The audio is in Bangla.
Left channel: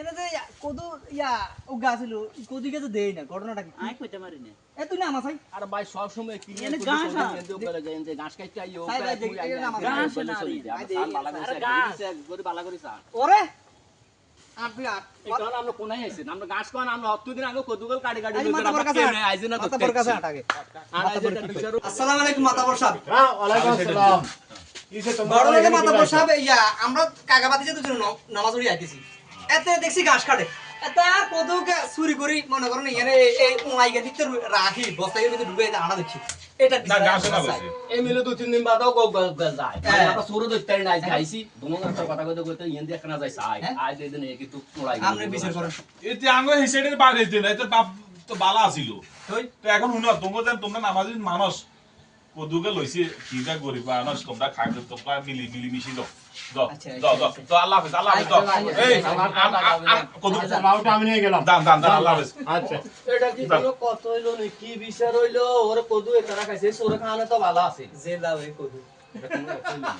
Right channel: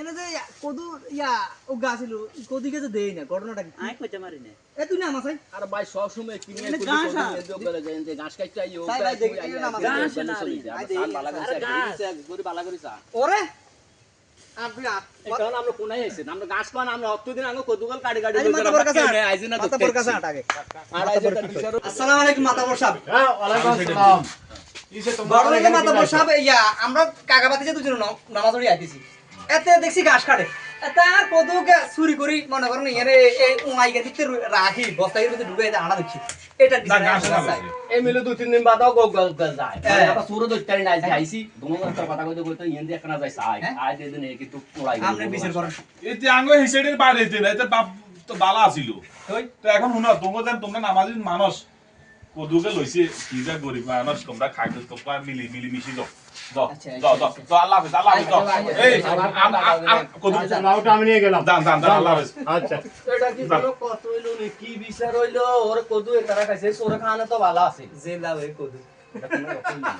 এনে যে কদু ইয়া ও গাছিল কদিকে তো দেই না ঘটনাটা কি আই কইতে মারি না এ তুই নামাজ আই আর ভাই সব সময় কি নিয়ে এনে করি ঘাস না। এন্ড গলে যায় এন্ড ঘাস কাটতে আইও তাই ভাই দেখি না আমার ঘাস গলে না চলে রে। যায় আই আর দেখি বালা না, করে আরে ঘাস। গরি বালা করে চা ওরে আর তুই আর এই কারণে আমরা কোনায় আইছি আমরা ঘাস কোন আমরা অতদিন আগে কদুগল কাটি কাটি আজ মাতাবর কাছে আইজি না মাতাবর কাছে আগে আর আইজি না বিচার আসসালামু আলাইকুম মাতাবর সাহেব হ্যাঁ ওয়ালাইকুম আসসালাম কিসে তোমরা বড় লাগে মাতাবর সাহেব ইয়া আমরা কাগাবাতি যে দুজন নামাজ পড়ি আইতেছি এতে দেখছি ঘাস কাটে এতে আর কদুকে চুরি করি মনে করেন এনে এই উমাইকে দিতে রাখি বস্তায় ভিতরে ঢুকে আনা দেখছি এটা না গাছ না বসে এই মিলে 2-3 দিন বাদাও গল যায় হ্যাঁ। কথা সুরো দইতারি না আইছি দোনো একটা কথা কইতে কইতে ইন্দি একনা যাইছে আই দিন কিন্তু পড়াই আপনি বিচার করেন এতে আঙ্গ হিসেবের বাইরে দিন এতে বাপ তো বালা আছিল ওই তো এখন শুনো তোমরা নামাজিন মানুষ কদুকে লইছি কিটা গরিব মানুষ তোমরা খাইতে তোমরা মিলি মিশি দাও দাও আচ্ছা, দাও আচ্ছা, দাও আল্লাহ হাফেজ আল্লাহ হাফেজ দাও এই কদু মাওটা আমি নিয়ে গেলাম দান আল্লাহ হাফেজ আচ্ছা এটা কি কোনো কত হইলো নি কি বিচার হইলো ওর কদু এ তারা খাইছে সোরে খানে তো ভালো আছে জেলা ওই কদু এটা কোনো কথা না